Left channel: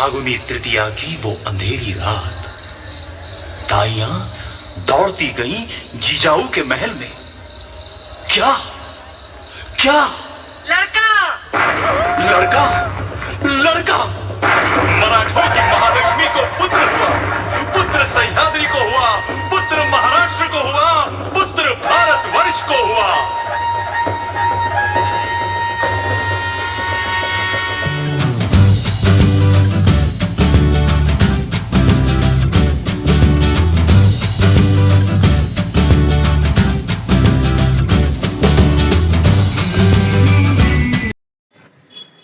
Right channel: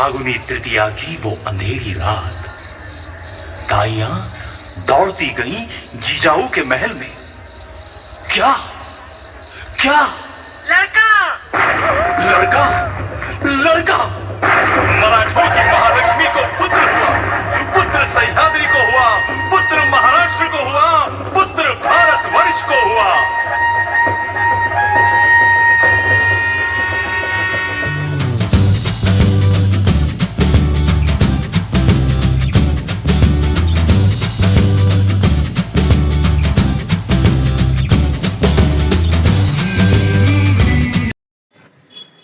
फागुनी तृतीया की वो अंधेरी रात, दाइयां दौड़ती गई जीजाऊ के महल में। क्या क्या लड़का लड़का लड़का मराठों की महालक्ष्मी को पुत्र हुआ, पुत्र सह्याद्री को हुआ, पुत्र महाराष्ट्र को हुआ, पुत्र भारतवर्ष को हुआ।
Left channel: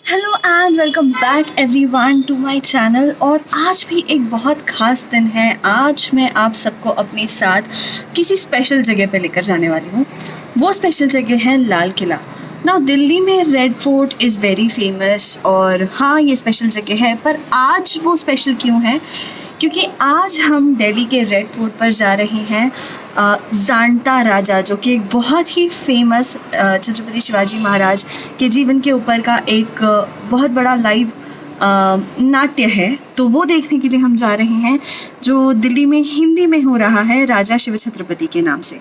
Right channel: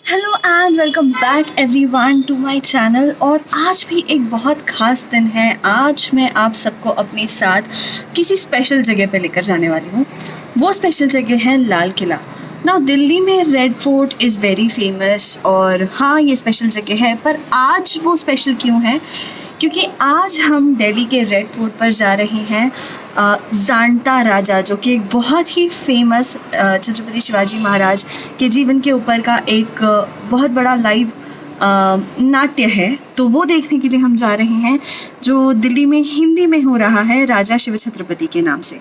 Hello and welcome back everyone to my channel. और आज भी एक बहुत ख़ास दिन है। आज मैं आप सबको अपने साथ किसी स्पेशल जगह पे लेकर जाने वाली हूँ। वो स्पेशल जगह है लाल किला। ना दिल्ली में red fort is very famous और हाँ ये स्पेशल जगह है, पर आज वो स्पेशल क्यों है? क्योंकि आज हम दिल्ली के रेड फोर्ट पर जा रहे हैं जांटा राजा, जो कि एक बहुत ही फेमस छत्रपति शिवाजी महाराज के जीवन के ऊपर का एक बहुत बड़ा लाइव नाट्य है। तो वो देखने के लिए हम जा रहे हैं, जो दिल्ली में हिंदी में हो रहा है राजा शिव छत्रपति के नाम से।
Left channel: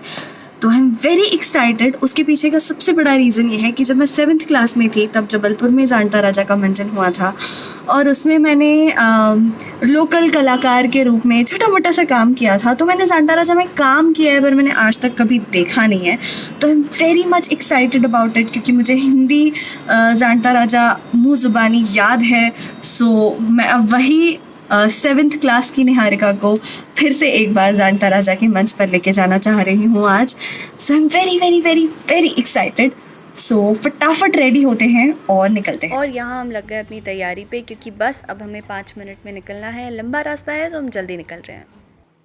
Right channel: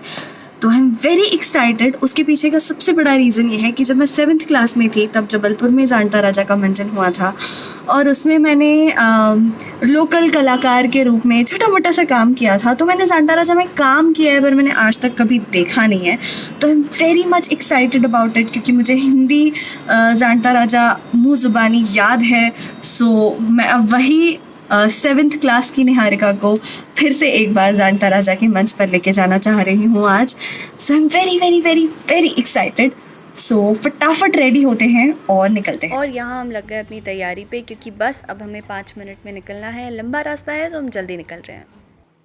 तो आई एम वेरी एक्साइटेड। उसके पीछे का सबसे बड़ा रीज़न ये है कि जब मैं 7th क्लास में थी तब जबलपुर में जांटा राजा का मंचन हुआ था और उसमें मैंने लोकल कलाकार के रूप में छोटा मोटा सा काम किया था। तो मैंने जांटा राजा में काम किया है पर मैंने आज तक कभी देखा नहीं है। तो आई am very much excited about it, क्योंकि मुझे हिंदी जांटा राजा मुँह ज़ुबानी याद है। सो मैं अब वही 7th क्लास की निहारिका को फिर से एक बार जांटा राजा के मंच पर लेके जाना चाह रही हूँ आज। So I am very very very very excited. So फटाफट रेडी होते हैं और निकलते हैं। और यहाँ हम लग गए अपनी तैयारी पे, क्योंकि बस अब हमें 5 मिनट में निकलना है। लंबा रास्ता है तो हम जल्दी निकल रहे हैं।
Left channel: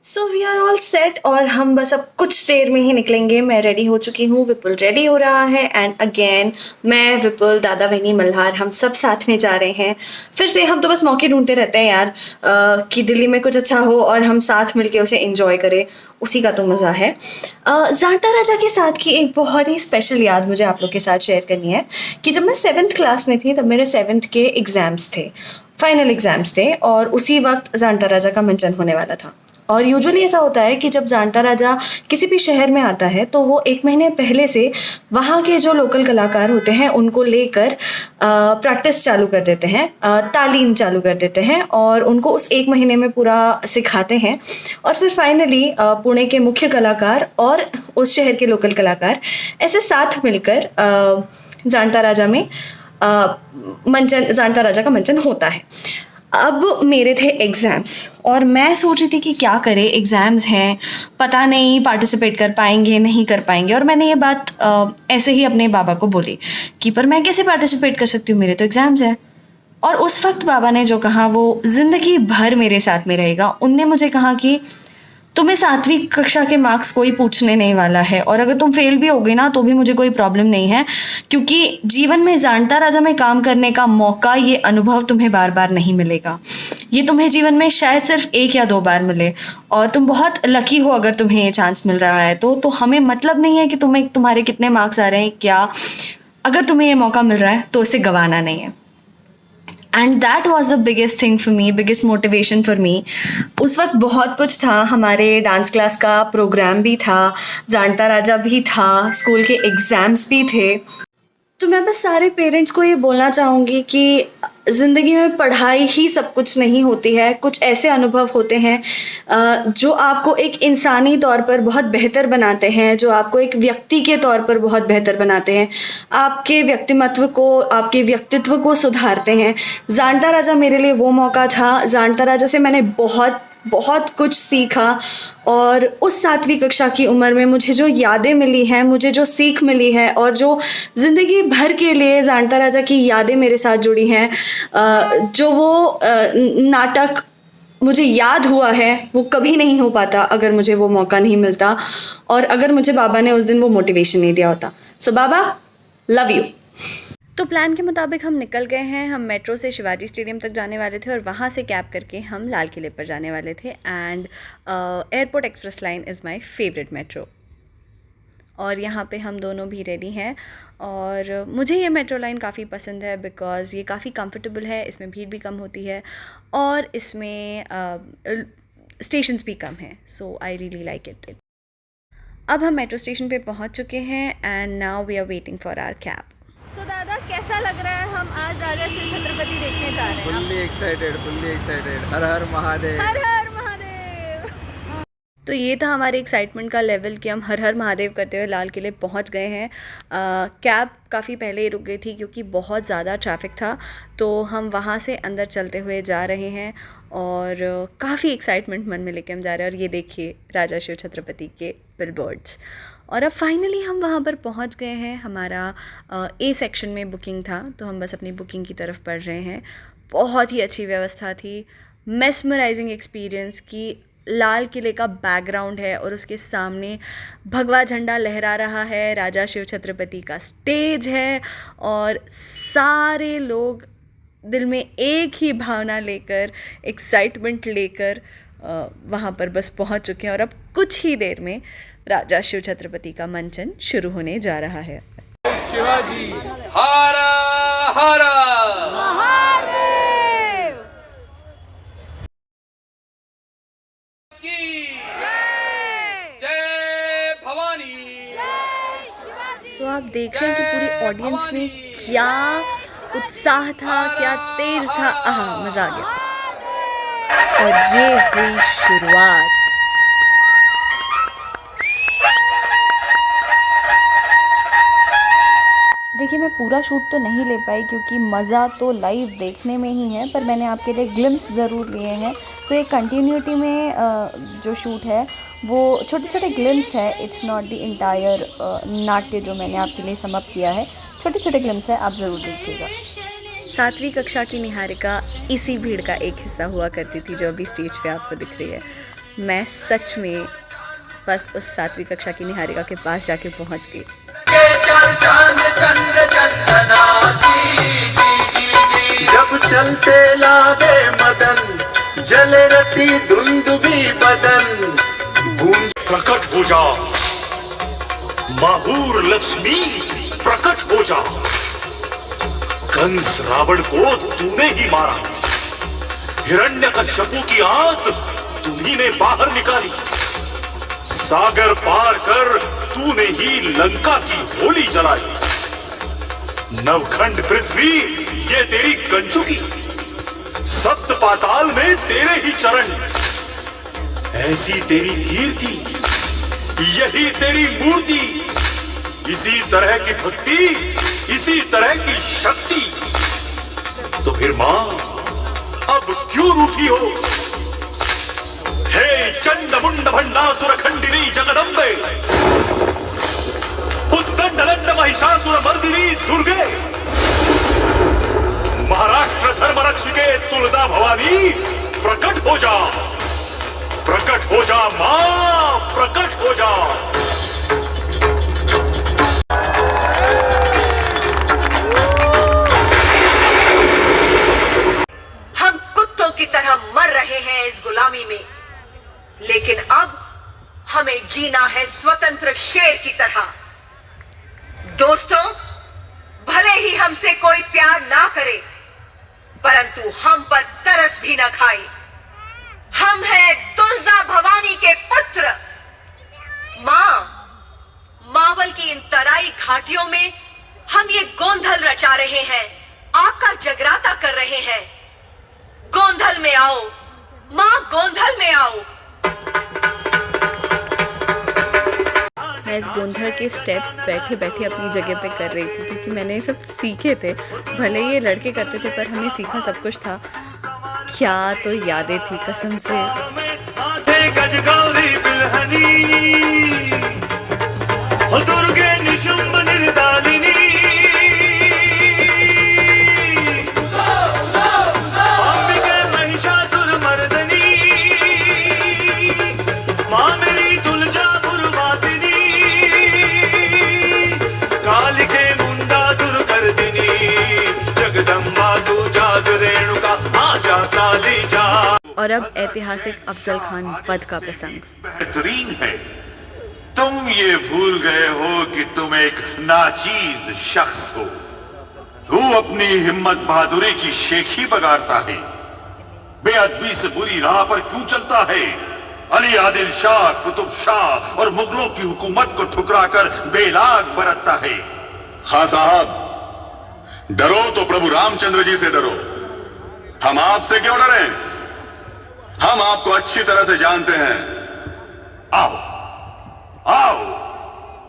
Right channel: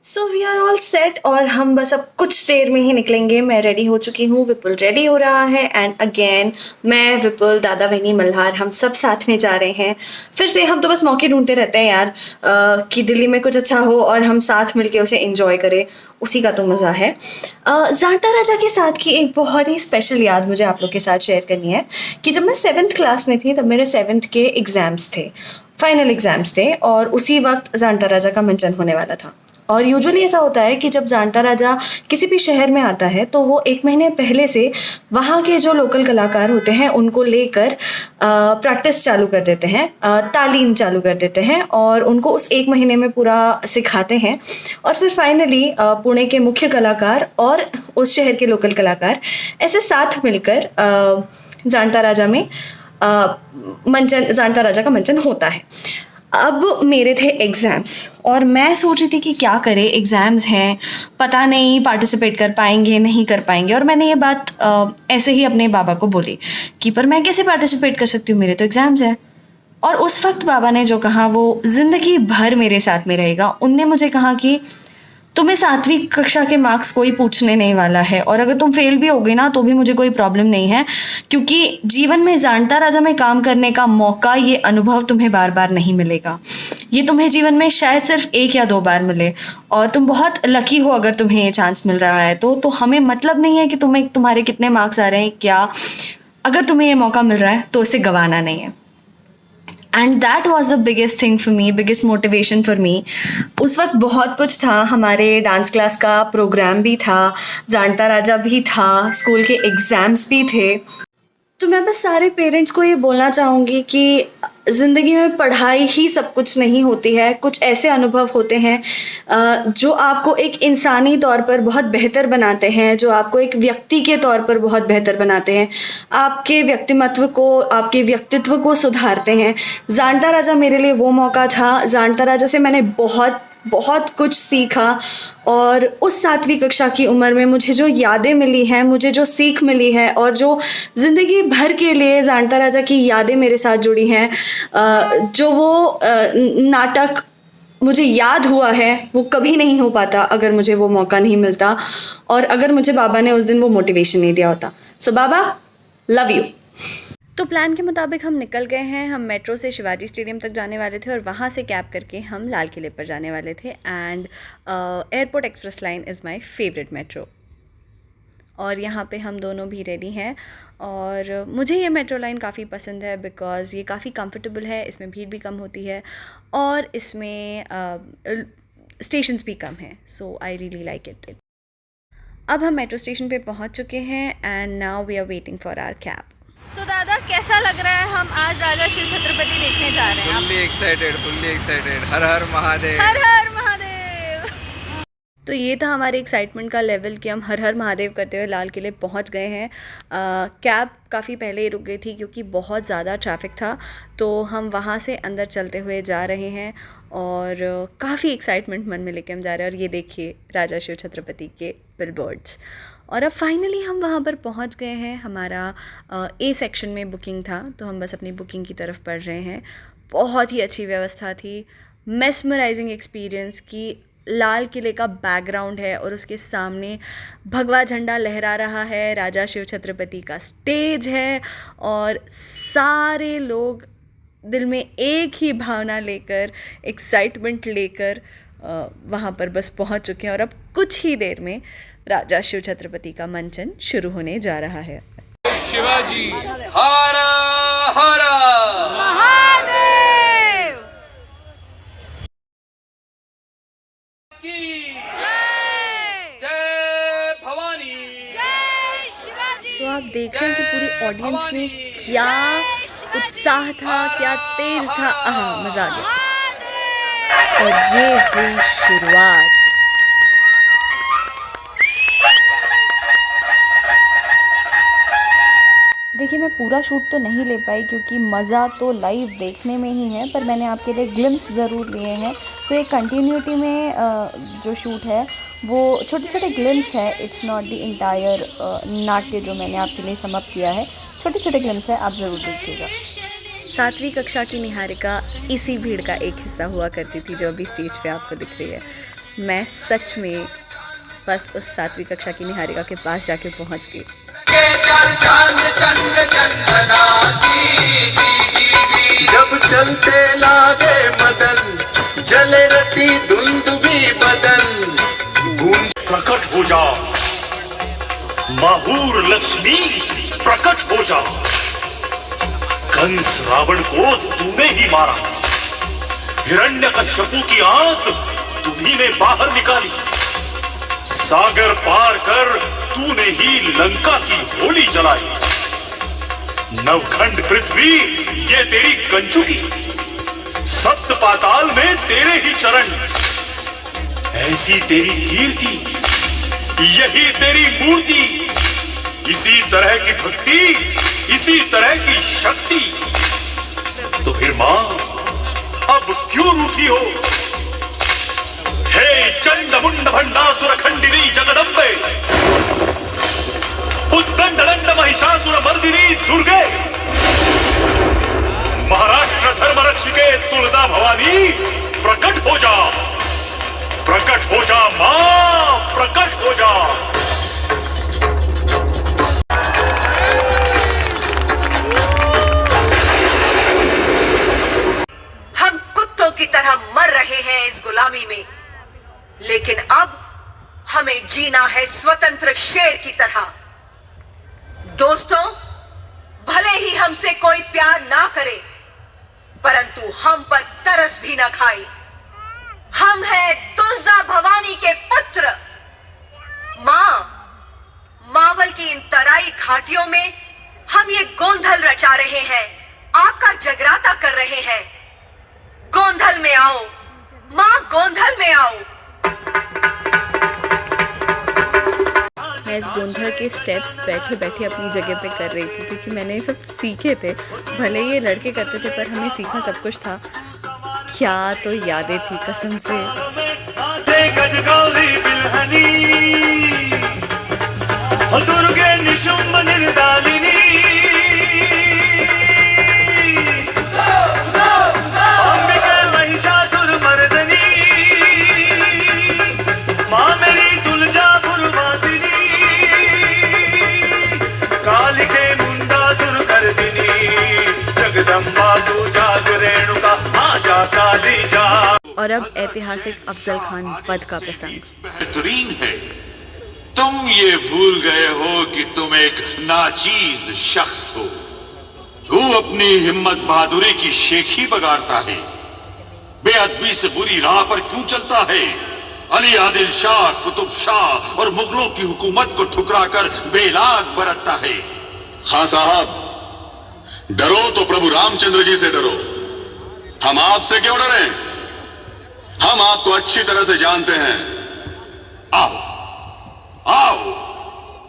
So we are all set और हम बस अब कुछ देर में ही निकलेंगे। मैं रेडी हो चुकी हूँ, विपुल रेडी हो रहा है एंड अगेन मैं, विपुल, दादा, बहनी, मल्हार, हम सब साथ में जा रहे हैं। फिर से हम तो बस मौके ढूंढते रहते हैं यार कि दिल्ली में कुछ अच्छा हो और हम साथ मिलके उसे एंजॉय करें, उसी का तो मज़ा है। जांटा राजा के साथ की एक बहुत ही स्पेशल याद मुझे आप लोग के साथ शेयर करनी है कि जब मैं 7th क्लास में थी तब मेरे 7th के एग्ज़ाम्स थे, फाइनल एग्ज़ाम्स थे और उसी वक्त जांटा राजा का मंचन होने वाला था। और यूजुअली ऐसा होता है कि जब जांटा राजा किसी भी शहर में आता है तो वो 1 महीने पहले से वहाँ के जो लोकल कलाकार होते हैं उनको लेकर प्रैक्टिस चालू कर देते हैं, तालीम चालू कर देते हैं और उनको उस 1 महीने में पूरा सिखाते हैं। और फिर फाइनली पुणे के मुख्य कलाकार और उस शहर के लोकल कलाकार ऐसे साथ मिलकर जांटा राजा में जांटा राजा का मंचन होता है। अब मेरे थे एग्ज़ाम्स और मैं सोच रही थी कि क्या करें, एग्ज़ाम्स हैं, पता नहीं पार्टिसिपेट कर पाएंगे नहीं कर पाएंगे। और मैंने ये बात ऐसे ही अपने बाबा को बोली कि पर मैं कैसे पार्टिसिपेट कर सकती हूँ, मेरे तो एग्ज़ाम्स हैं। और उस वक्त बाबा ने जो कहा वो ज़िंदगी भर मेरे साथ में रहेगा। उनने मुझे कहा कि तुम्हें 7वीं कक्षा के मार्क्स कोई पूछने नहीं वाला है और अगर तुम फेल भी होगे ना तो भी मुझे कोई प्रॉब्लम नहीं है, क्योंकि जीवन में जांटा राजा में काम करने का मौका, ये अनुभव तुम्हें बार बार नहीं मिलेगा। ये तुम्हें जीवन में शायद सिर्फ 1 या 2 बार मिले और तुम बहुत लकी हो अगर तुम्हें ये चांस मिल रहा है। तो हमें मतलब नहीं है कि तुम्हारे कितने मार्क्स आ रहे हैं, क्या अगर तुम्हें ये मौका मिल रहा है तो इसे गंवाना नहीं है। And that was the biggest thing for me, biggest motivation for me. उस वक्त बहुत कुछ था, हमारे डांस क्लास का प्रोग्राम भी था, जांटा राजा भी था, स्कूल के एग्ज़ाम्स भी थे। तो मैं बस सारे पेरेंट्स को ये बोलना चाहूँगी कि ज़िंदगी में पढ़ाई ही सब कुछ नहीं होती है। कुछ ऐसे अनुभव होते हैं जो आपको एक इंसानी तौर पर बहुत बेहतर बनाते हैं, जो आपको एक व्यक्ति के तौर पर बहुत बेहतर बनाते हैं, आपके व्यक्तिमत्व को, आपके व्यक्तित्व को सुधारते हैं। जांटा राजा मेरे लिए वो मौका था। जांटा राजा से मैंने बहुत कुछ सीखा और उस 7वीं कक्षा की उम्र में मुझे जो यादें मिली हैं, मुझे जो सीख मिली है और जो ज़िंदगी भर के लिए जांटा राजा की यादें मेरे साथ जुड़ी हैं, जो वो नाटक मुझे याद हुआ है वो कभी नहीं हो पाता अगर मुझे वो मौका नहीं मिलता और अगर मुझे बाबा ने उस दिन वो मोटिवेशन नहीं दिया होता। सो बाबा, लव यू। तो प्लान के मुताबिक हम निकल गए हैं। हम मेट्रो से शिवाजी स्टेडियम तक जाने वाले थे और वहाँ से कैब करके हम लाल किले पर जाने वाले थे। And airport express line is my favourite metro. और यहाँ पे हम दोनों भी रेडी हैं। और मुझे ये मेट्रो लाइन काफ़ी पसंद है बिकॉज़ ये काफ़ी कंफर्टेबल है, इसमें भीड़ भी कम होती है और इसमें स्टेशंस भी कम हैं। So I really like it. अब हम मेट्रो स्टेशन पे पहुँच चुके हैं and now we are waiting for our cab. So दादा, कैसा लग रहा है? हम आज राजा शिव छत्रपति देखने जा रहे हैं। Fully excited. हर हर महादेव। हर हर महादेव। तो ये था हमारे एक्साइटमेंट का लेवल कि हम हर हर महादेव करते हुए लाल किले पहुंच गए हैं। कैब काफ़ी पहले ही रुक गई थी क्योंकि बहुत ज़्यादा ट्रैफिक था, तो हम वहाँ से अंदर चलते हुए जा रहे हैं और काफ़ी एक्साइटमेंट मन में लेके हम जा रहे हैं। और ये देखिए राजा शिव छत्रपति के बिलबोर्ड्स। और अब फाइनली हम वहाँ पर पहुँच गए हैं। हमारा ए सेक्शन में बुकिंग था, तो हम बस अपनी बुकिंग की तरफ बढ़ रहे हैं। बहुत ही अच्छी व्यवस्था थी, मेस्मराइजिंग एक्सपीरियंस की लाल किले का बैकग्राउंड है और उसके सामने भगवा झंडा लहरा रहा है, राजा शिव छत्रपति का स्टेज है और सारे लोग दिल में एक ही भावना लेकर, एक्साइटमेंट लेकर वहाँ पर बस पहुँच चुके हैं। और अब कुछ ही देर में राजा शिव छत्रपति का मंचन शुरू होने जा रहा है। शिवाजी हरा हरा महादेव की जय, जय भवानी। जय शिवाजी। तो आप देख रहे हैं कि पूरी ऑडियंस में क्या उत्साह था, क्या तेज था। आहा, मजा आ गया। और ये हुई शुरुआत। देखिए, मैं पूरा शूट तो नहीं ले पाई क्योंकि मज़ा तो लाइव देखने में ही है, पर मैंने आपके लिए ग्लिम्स ज़रूर लिए हैं। सो एक कंटिन्यूटी में जो शूट है वो छोटे छोटे ग्लिम्स है, इट्स नॉट द इंटायर नाट्य जो मैंने आपके लिए समअप किया है। छोटे छोटे ग्लिम्स है, आप ज़रूर देखिएगा। 7वीं कक्षा की निहारिका इसी भीड़ का एक हिस्सा हुआ करती थी जो अभी स्टेज पे आपको दिख रही है। मैं सच में बस उस 7वीं कक्षा की निहारिका के पास जाके पहुंच गई। जब चलते लागे मदन, जले रति धुंधुभी बदन। प्रकट हो जा माहूर लक्ष्मी, प्रकट हो जा। कंस रावण को तूने ही मारा, हिरण्यकश्यपु की आंत तुम्ही ने बाहर निकाली, सागर पार कर तूने ही लंका की होली जलाई। नवखंड पृथ्वी ये तेरी कंचुकी, सत्य पाताल में तेरे ही चरण। ऐसी तेरी कीर्ति, यही तेरी मूर्ति, इसी तरह की भक्ति, इसी तरह की शक्ति। तो फिर मां अब क्यों रूठी हो? हे चंड मुंड भंडासुर खंडिनी जगदम्बे, उद्दंड दंड महिषासुर मर्दिनी दुर्गे, महाराष्ट्र धर्म रक्षिके तुलजा भवानी, प्रकट हो जा, प्रकट हो जा मां, प्रकट हो जा। हम कुत्तों की तरह मर रहे हैं इस गुलामी में, लेकिन अब हमें जीना है स्वतंत्र शेर की तरह। दोस्तों, भले ही हमसे कोई प्यार ना करे, परंतु हम पर तरस भी न खाए। हम हैं तुलजा भवानी के पुत्र। मां, मावल की इन तराई घाटियों में हम ये गोंधल रचा रहे हैं, आपका जगराता कर रहे हैं। गोंधल में आओ मां, गोंधल में आओ। मैं इस गोंधल के स्टेप्स बैठे बैठे अपनी जगह पे कर रही थी क्योंकि मैंने ये सब सीखे थे। भले ये लड़के करते थे पर हमने सीखा सब कुछ था। क्या तो यादें थी कसम से। दुर्गे निशुंभ निर्दालिनी, अंबिका महिषासुर मर्दनी, मां मेरी तुलजापुर वासिनी, कालिके मुंडासुर कर्दिनी, जगदम्बा तू जाग रेणुका, आजा काली जा। और अब ऐतिहासिक अफजल खान वध का प्रसंग। बेहतरीन है तुम ये भूल गए हो कि तुम एक नाचीज शख्स हो। तू अपनी हिम्मत बहादुरी की शेखी बगाड़ता है, बेअदबी से बुरी राह पर क्यों चलता है? अली आदिल शाह, कुतुब शाह और मुगलों की हुकूमत को ठुकराकर बेलाग बरतता है। खां साहब, डरो तो प्रभु रामचंद्र जी से डरो, हम आपसे क्यों डरें? हम आपको अच्छी तरह से जानते हैं। आओ आओ,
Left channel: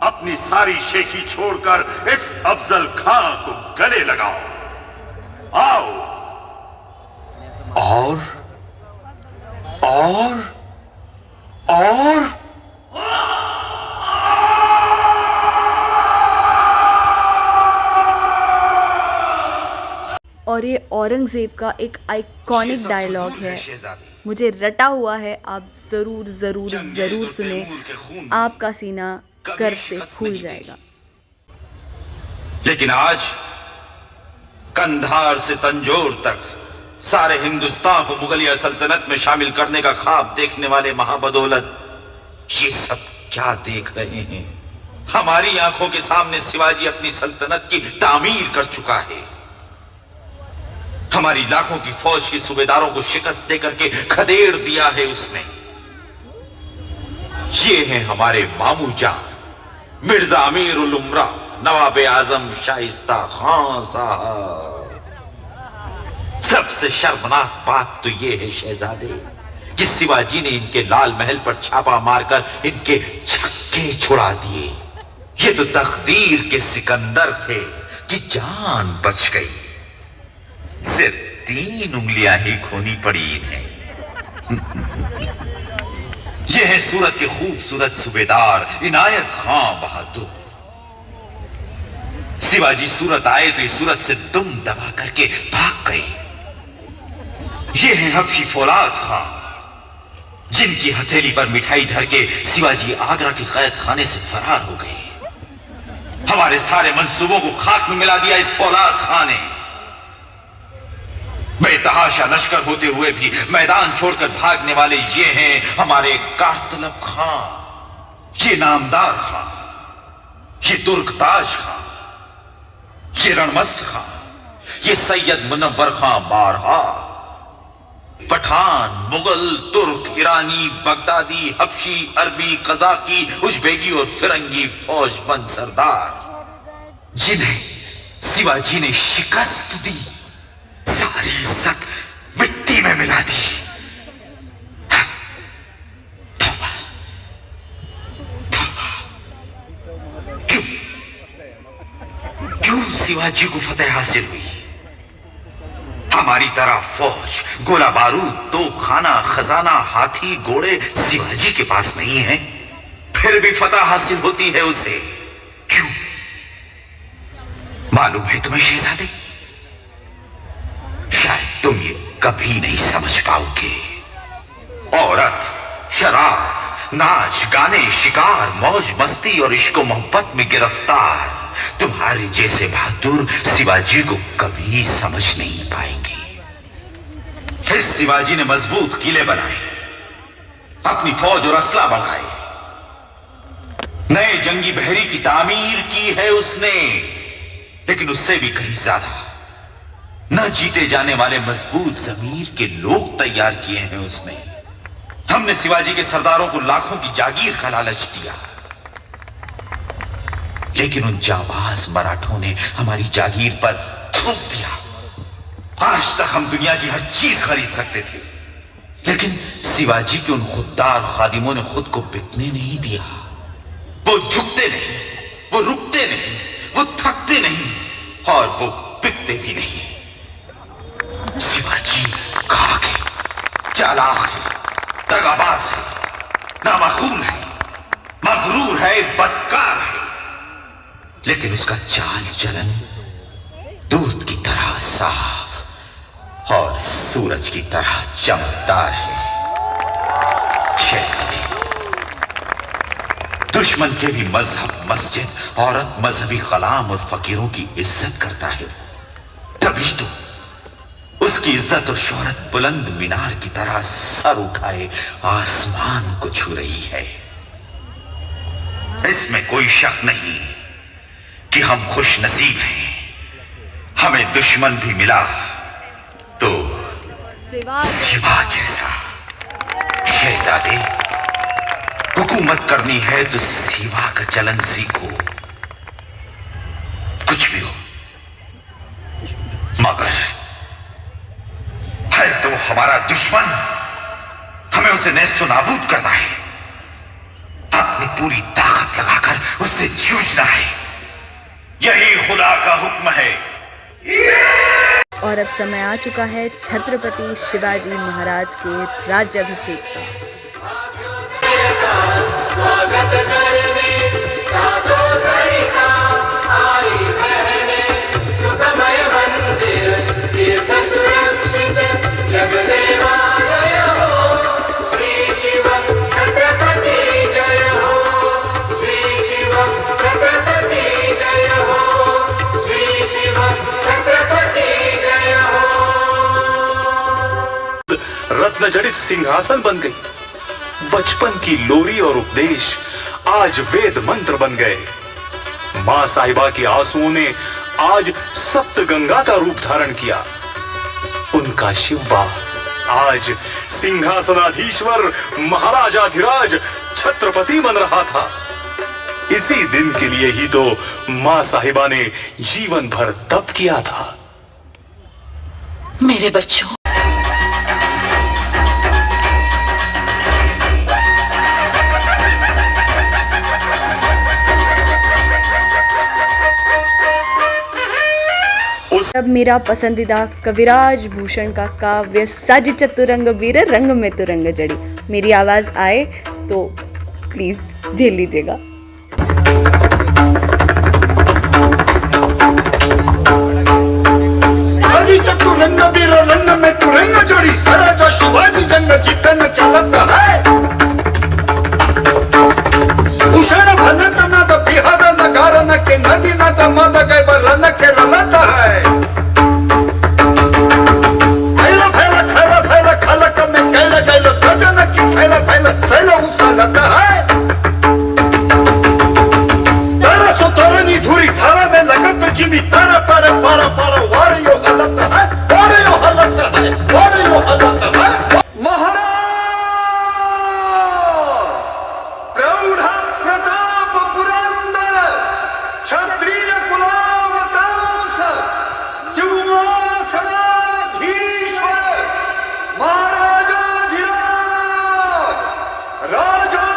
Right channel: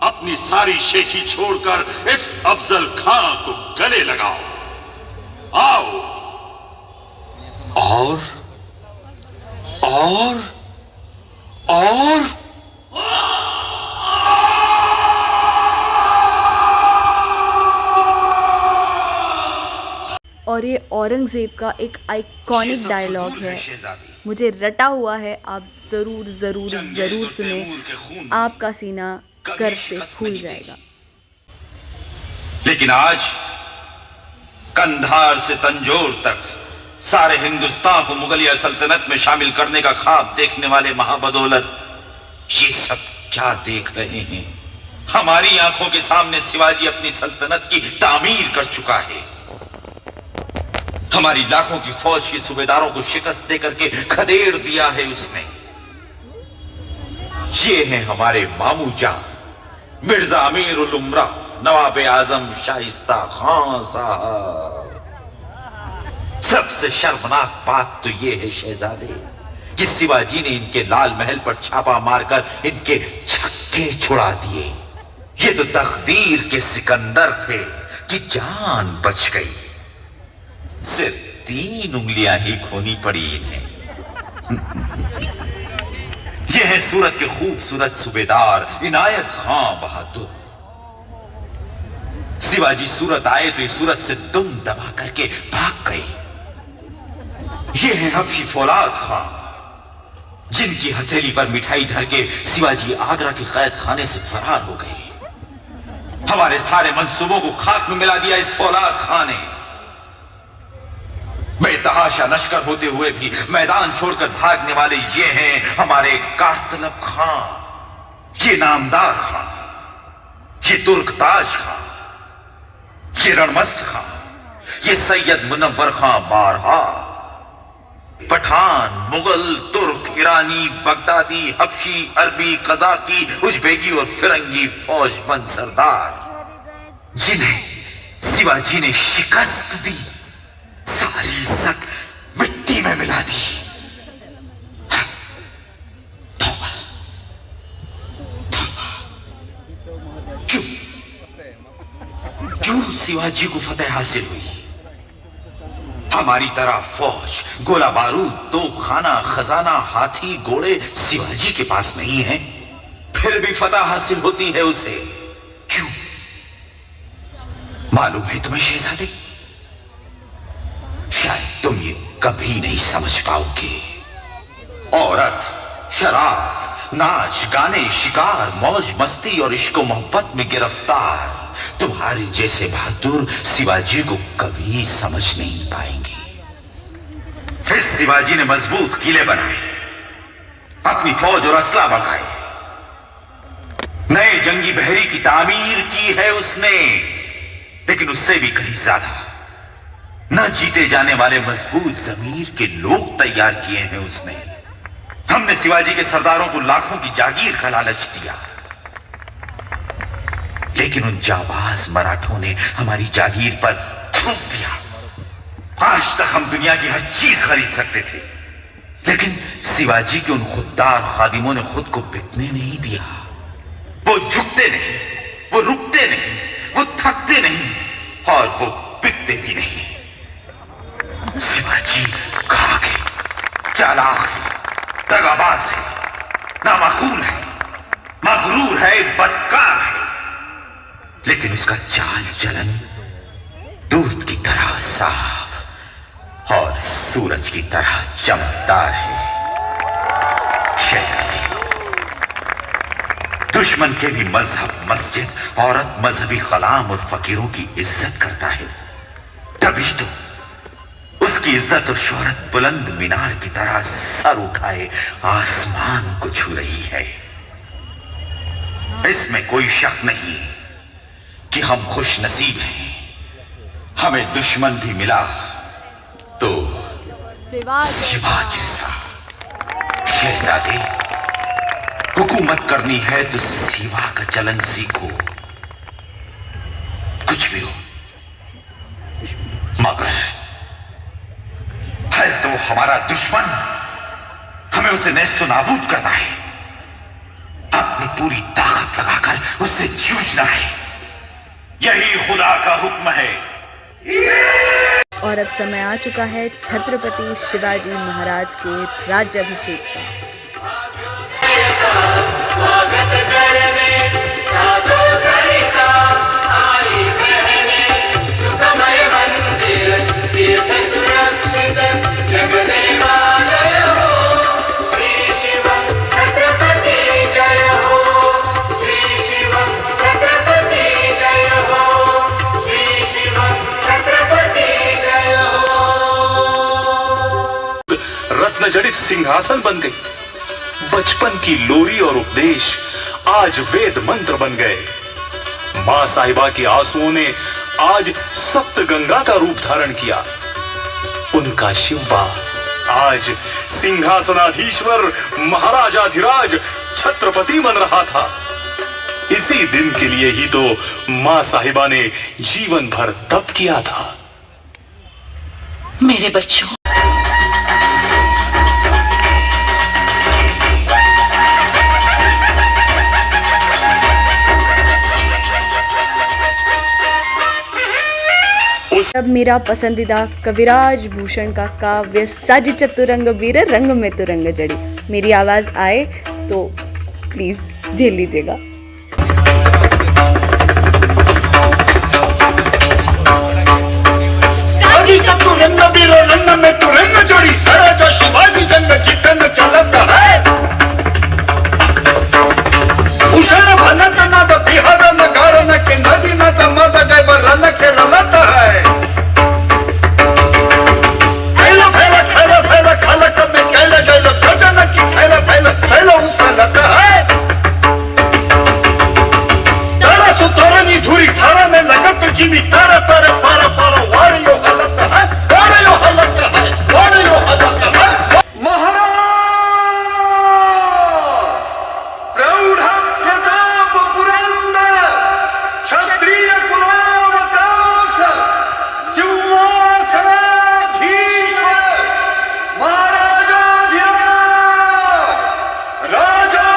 अपनी सारी शेखी छोड़कर इस अफजल खां को गले लगाओ। आओ। और और ये औरंगज़ेब का एक आइकॉनिक डायलॉग है, मुझे रटा हुआ है, आप ज़रूर ज़रूर ज़रूर सुने, आपका सीना गर्व से फूल जाएगा। लेकिन आज कंधार से तंजौर तक सारे हिंदुस्तान को मुगलिया सल्तनत में शामिल करने का ख्वाब देखने वाले महाबदौलत ये सब क्या देख रहे हैं? हमारी आंखों के सामने शिवाजी अपनी सल्तनत की तामीर कर चुका है। हमारी लाखों की फौज के सूबेदारों को शिकस्त देकर के खदेड़ दिया है उसने। ये हैं हमारे मामूजा मिर्जा अमीर उल उमरा नवाब आजम शाइस्ता खां साहब। सबसे शर्मनाक बात तो ये है शहजादे कि शिवाजी ने इनके लाल महल पर छापा मारकर इनके छक्के छुड़ा दिए। ये तो तकदीर के सिकंदर थे कि जान बच गई। सिर्फ 3 उंगलियां ही खोनी पड़ी इन्हें। यह है सूरत के खूबसूरत सूबेदार इनायत खां बहादुर। शिवाजी सूरत आए तो इस सूरत से दुम दबा करके भाग गए। ये है हबशी फौलाद खां, जिनकी हथेली पर मिठाई धर के शिवाजी आगरा के कैद खाने से फरार हो गए। हमारे सारे मंसूबों को खाक में मिला दिया इस फौलाद खां ने। बेतहाशा लश्कर होते हुए भी मैदान छोड़कर भागने वाले ये हैं हमारे कारतलब खां, ये नामदार खां, ये तुर्कताज खां, ये रणमस्त खां, ये सैयद मुनव्वर खां बारहा। पठान, मुगल, तुर्क, ईरानी, बगदादी, हबशी, अरबी, कजाकी, उज़्बेकी और फिरंगी फौजबंद सरदार जिन्हें शिवाजी ने शिकस्त दी, सारी इज्जत मिट्टी में मिला दी। तौबा, तौबा। क्यों शिवाजी को फतेह हासिल हुई? हमारी तरह फौज, गोला बारूद, तोपखाना, खजाना, हाथी, घोड़े शिवाजी के पास नहीं है, फिर भी फतह हासिल होती है उसे। क्यों? मालूम है तुम्हें शहजादे? शायद तुम ये कभी नहीं समझ पाओगे। औरत, शराब, नाच गाने, शिकार, मौज मस्ती और इश्क मोहब्बत में गिरफ्तार तुम्हारे जैसे बहादुर शिवाजी को कभी समझ नहीं पाएंगे। फिर शिवाजी ने मजबूत किले बनाए, अपनी फौज और असला बढ़ाए, नए जंगी बहरी की तामीर की है उसने, लेकिन उससे भी कहीं ज्यादा न जीते जाने वाले मजबूत जमीर के लोग तैयार किए हैं उसने। हमने शिवाजी के सरदारों को लाखों की जागीर का लालच दिया, लेकिन उन जाबाज मराठों ने हमारी जागीर पर थूक दिया। आज तक हम दुनिया की हर चीज खरीद सकते थे, लेकिन शिवाजी के उन खुददार खादिमों ने खुद को बिकने नहीं दिया। वो झुकते नहीं, वो रुकते नहीं, वो थकते नहीं और वो बिकते भी नहीं। शिवाजी खाक है, चालाक है, दगाबाज है, नामाकूल है, मगरूर है, बदकार है, लेकिन उसका चाल चलन दूध की तरह साफ और सूरज की तरह चमकदार है। शहजादी, दुश्मन के भी मजहब, मस्जिद, औरत, मजहबी गुलाम और फकीरों की इज्जत करता है, तभी तो उसकी इज्जत और शोहरत बुलंद मीनार की तरह सर उठाए आसमान को छू रही है। इसमें कोई शक नहीं कि हम खुश नसीब हैं। हमें दुश्मन भी मिला तो शिवा जैसा। शहजादे, हुकूमत करनी है तो शिवा का चलन सीखो, कुछ भी हो, मगर है तो हमारा दुश्मन, हमें उसे नेस्तो नाबूद करना है, अपनी पूरी ताकत लगाकर उससे जूझना है। यही खुदा का हुक्म है। और अब समय आ चुका है छत्रपति शिवाजी महाराज के राज्याभिषेक का। रत्न जड़ित सिंहासन बन गई। बचपन की लोरी और उपदेश आज वेद मंत्र बन गए। मां साहिबा के आंसुओं ने आज सप्त गंगा का रूप धारण किया। उनका शिवबा आज सिंहासनाधीश्वर महाराजाधिराज छत्रपति बन रहा था। इसी दिन के लिए ही तो मां साहिबा ने जीवन भर तप किया था। मेरे बच्चों, अब मेरा पसंदीदा कविराज भूषण का काव्य सज चतुरंग वीर रंग में तुरंग जड़ी, मेरी आवाज आए तो प्लीज झेल लीजिएगा। चतुरंग वीर रंग में तुरंग जोड़ी, सराजा शिवाजी जंग जितन चलता है। उषण भनत नद बिहद नगार न के नदी नद मद गए बरन के रमत है। फैला फैला फैला फैला खलक में कैला गैल भजन की फैला फैला फैला उसलत है। तारा सुतरनी धुरी थारा में लगत जिमी तारा पर पर पर वारियो हलत है, वारियो हलत है, वारियो हलत है। महाराज प्रौढ़ प्रताप पुरंदर क्षत्रिय कुलावकाश सिंहासनाधीश महाराजाधिराज राजा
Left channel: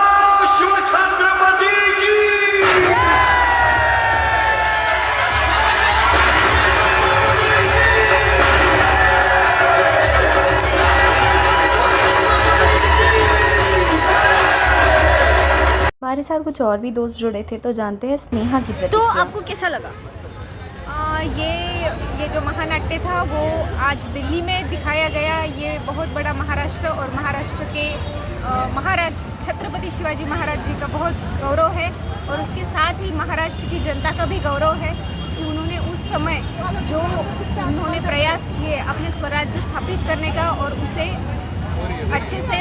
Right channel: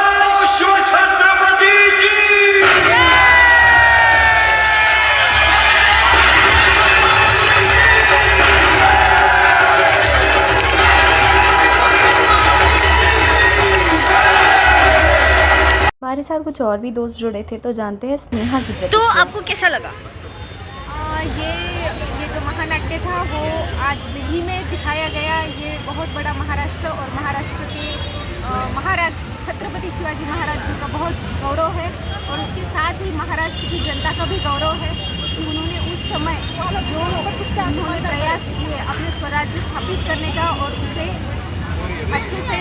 शिव छत्रपति की हमारे साथ कुछ और भी दोस्त जुड़े थे, तो जानते हैं स्नेहा की प्रतिक्रिया। तो आपको कैसा लगा? ये जो महानाट्य था वो आज दिल्ली में दिखाया गया। ये बहुत बड़ा महाराष्ट्र और महाराष्ट्र के महाराज छत्रपति शिवाजी महाराज जी का बहुत गौरव है, और उसके साथ ही महाराष्ट्र की जनता का भी गौरव है कि उन्होंने उस समय जो उन्होंने प्रयास किए अपने स्वराज्य स्थापित करने का और उसे अच्छे से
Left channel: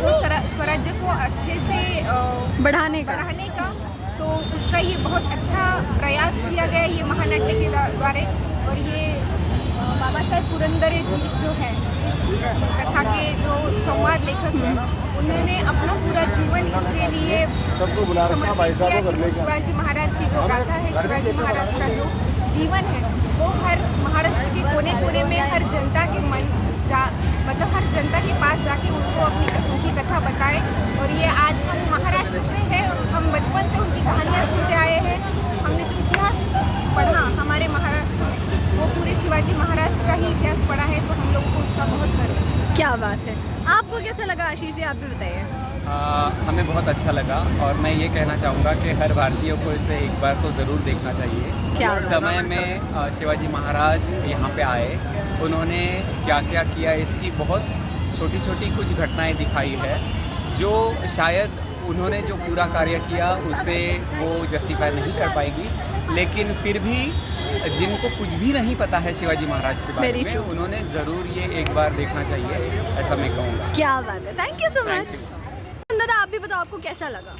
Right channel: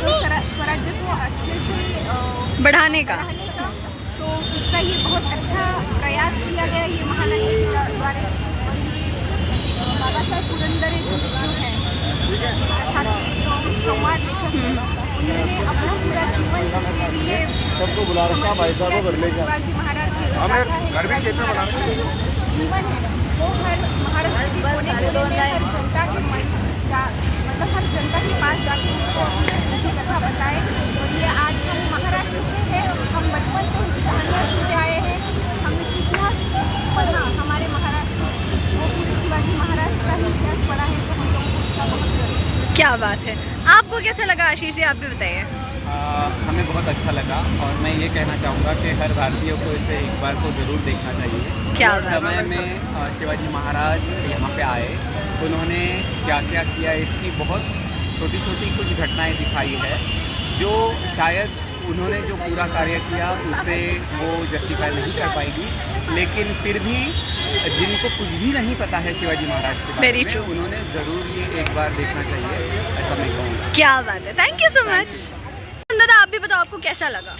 स्वराज्य को अच्छे से बढ़ाने का, तो उसका ये बहुत अच्छा प्रयास किया गया ये महानाट्य के द्वारा। और ये बाबा साहब पुरंदरे जी जो हैं, इस कथा के जो संवाद लेखक हैं, उन्होंने अपना पूरा जीवन इसके लिए सबको बुला रखा भाई साहब। शिवाजी महाराज की जो गाथा है, शिवाजी महाराज का जो जीवन है, वो हर महाराष्ट्र के कोने कोने में हर जनता के मतलब हर जनता के पास जाके उनको उनकी कथा बताए। और ये आज हम महाराष्ट्र से है, हम बचपन से उनकी कहानियाँ सुनते आए हैं, हमने जो इतिहास पढ़ा हमारे महाराष्ट्र में वो पूरे शिवाजी महाराज का ही इतिहास पढ़ा है, तो हम लोगों को उसका बहुत गर्व है। क्या बात है। आपको कैसा लगा आशीष जी, आप भी बताइए। हमें बहुत अच्छा लगा, और मैं ये कहना चाहूँगा कि हर भारतीय को इसे एक बार तो ज़रूर देखना चाहिए। क्या इस समय में शिवाजी महाराज यहाँ पे आए, उन्होंने क्या क्या किया, इसकी बहुत छोटी छोटी कुछ घटनाएं दिखाई है, जो शायद उन्होंने जो पूरा कार्य किया उसे वो जस्टिफाई नहीं कर पाएगी, लेकिन फिर भी जिनको कुछ भी नहीं पता है शिवाजी महाराज के बारे में, उन्होंने ज़रूर ये एक बार देखना चाहिए, ऐसा मैं कहूँगा। क्या बात है, थैंक यू सो मच। दादा आप भी बताओ, आपको कैसा लगा?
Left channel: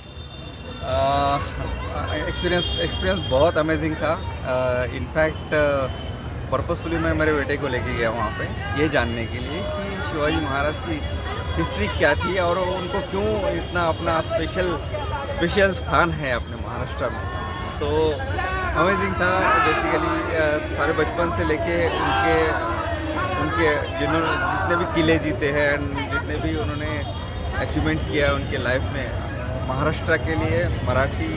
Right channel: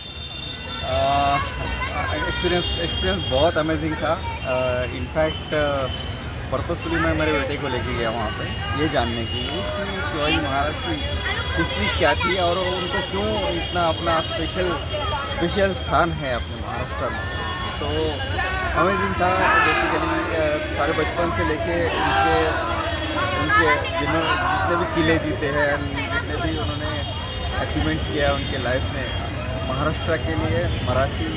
एक्सपीरियंस बहुत अमेजिंग था। इनफैक्ट पर्पसफुली मैं मेरे बेटे को लेके गया वहाँ पे ये जानने के लिए कि शिवाजी महाराज की हिस्ट्री क्या थी और उनको क्यों इतना अपना स्पेशल स्थान है अपने महाराष्ट्र में। सो अमेजिंग था बेसिकली। सारे बचपन से लेके उनके जितने भी किले जीते हैं, जितने भी उन्होंने अचीवमेंट किया उनके लाइफ में महाराष्ट्र के लिए, मराठी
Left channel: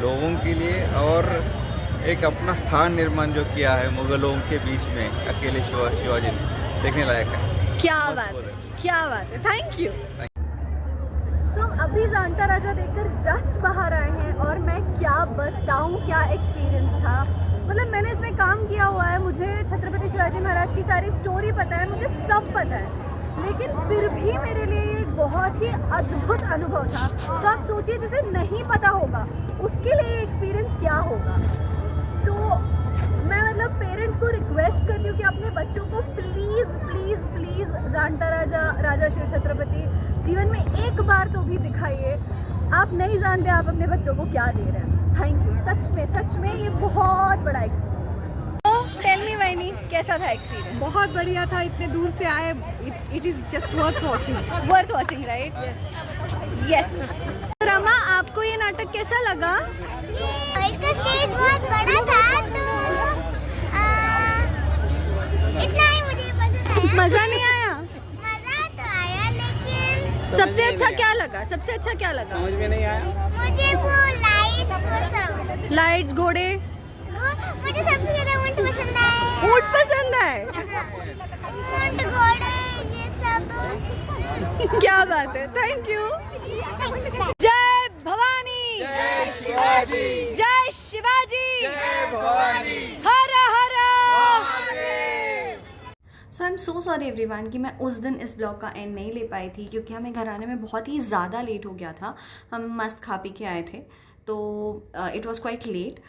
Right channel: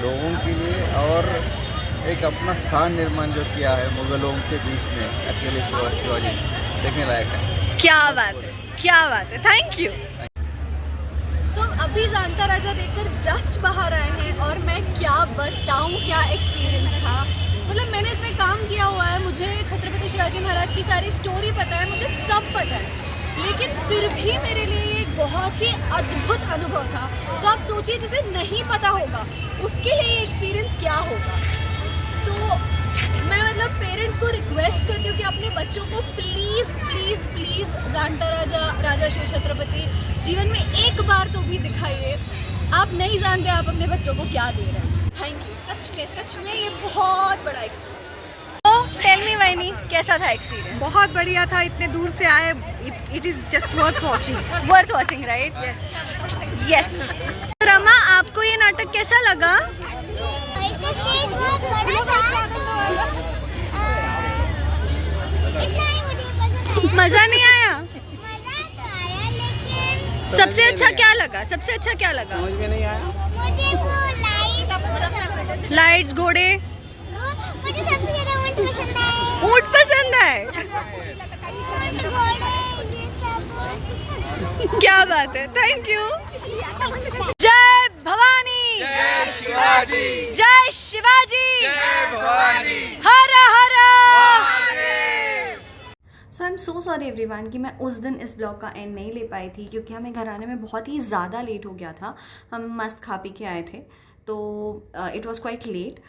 लोगों के लिए, और एक अपना स्थान निर्माण जो किया है मुगलों के बीच में अकेले शिवाजी, देखने लायक है। क्या बात है, क्या बात है, थैंक यू। तो हम अभी जानता राजा देखकर जस्ट बाहर आए हैं और मैं क्या बताऊं क्या एक्सपीरियंस था। मतलब मैंने इसमें काम किया हुआ है, मुझे छत्रपति शिवाजी महाराज की सारी स्टोरी पता है, मुझे सब पता है, लेकिन फिर भी मेरे लिए ये एक बहुत ही अद्भुत अनुभव था। तो आप सोचिए जिसे नहीं पता होगा उसके लिए एक्सपीरियंस क्या होगा। तो मैं मतलब पेरेंट्स को रिक्वेस्ट करती हूँ कि अपने बच्चों को प्लीज़ प्लीज़ प्लीज़ जानता राजा शिव छत्रपति जीवन में एक बार तो भी दिखाइए। आप नहीं जानते आप अपने बच्चों को क्या दे रहे हैं। Thank you. सच में ये बहुत बड़ा एक्सपीरियंस। तो टेल मी वाइनी, कैसा था एक्सपीरियंस? बहुत बढ़िया था, इतने दूर से आए, it is just worth watching, right? Yes. Rama, आपको ये नाटक कैसा लगा? इसका स्टेज बहुत बड़ा था तो इतना ही मुझे पसंद आया। मजा नहीं आया? मजा तो आया लेकिन सबसे अच्छा क्या लगा? समझ में नहीं आया मुझे वो लाइट्स, वो सब लाइट्स, घोड़े? मुझे सबसे ज्यादा ऊंट पसंद आए। ऊंट पसंद है? ऊंट, घोड़े, ये सब। क्या बात है, थैंक यू। जय भवानी, जय शिवाजी, जय शिवाजी, जय भवानी, हर हर so I am so sorry everyone कि मैं उस दिन इस ब्लॉग का एंड नहीं ले पाई थी, क्योंकि हमें घर आने में बहुत ही ज़्यादा लेट हो गया था। हम मस्त खा पी के आए थे, तो इट वॉज क्वाइट लेट।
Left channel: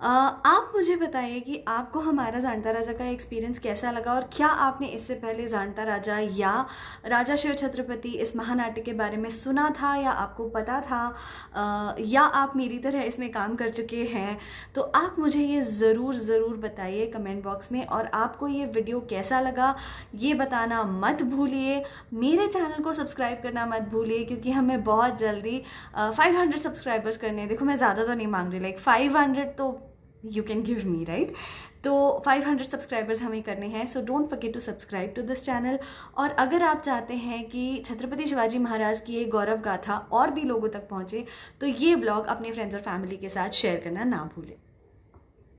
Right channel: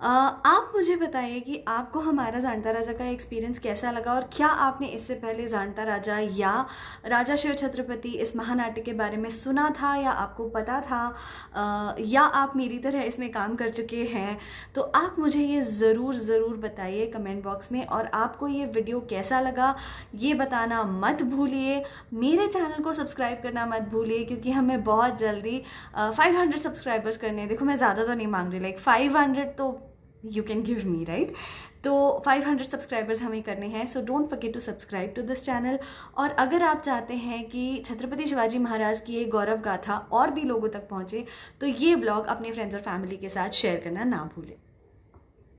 आप मुझे बताइए कि आपको हमारा जानता राजा का एक्सपीरियंस कैसा लगा, और क्या आपने इससे पहले जानता राजा या राजा शिव छत्रपति इस महानाट्य के बारे में सुना था, या आपको पता था, या आप मेरी तरह इसमें काम कर चुके हैं। तो आप मुझे ये ज़रूर बताइए कमेंट बॉक्स में, और आपको ये वीडियो कैसा लगा ये बताना मत भूलिए। मेरे चैनल को सब्सक्राइब करना मत भूलिए, क्योंकि हमें बहुत जल्दी 500 सब्सक्राइबर्स करने हैं। देखो मैं ज़्यादा तो नहीं मांग रही, लाइक 500 तो you can give me, right? तो 500 सब्सक्राइबर्स हमें करने हैं, so don't forget to subscribe to this channel. और अगर आप चाहते हैं कि छत्रपति शिवाजी महाराज की ये गौरव गाथा और भी लोगों तक पहुँचे, तो ये व्लॉग अपने फ्रेंड्स और फैमिली के साथ शेयर करना ना भूलें।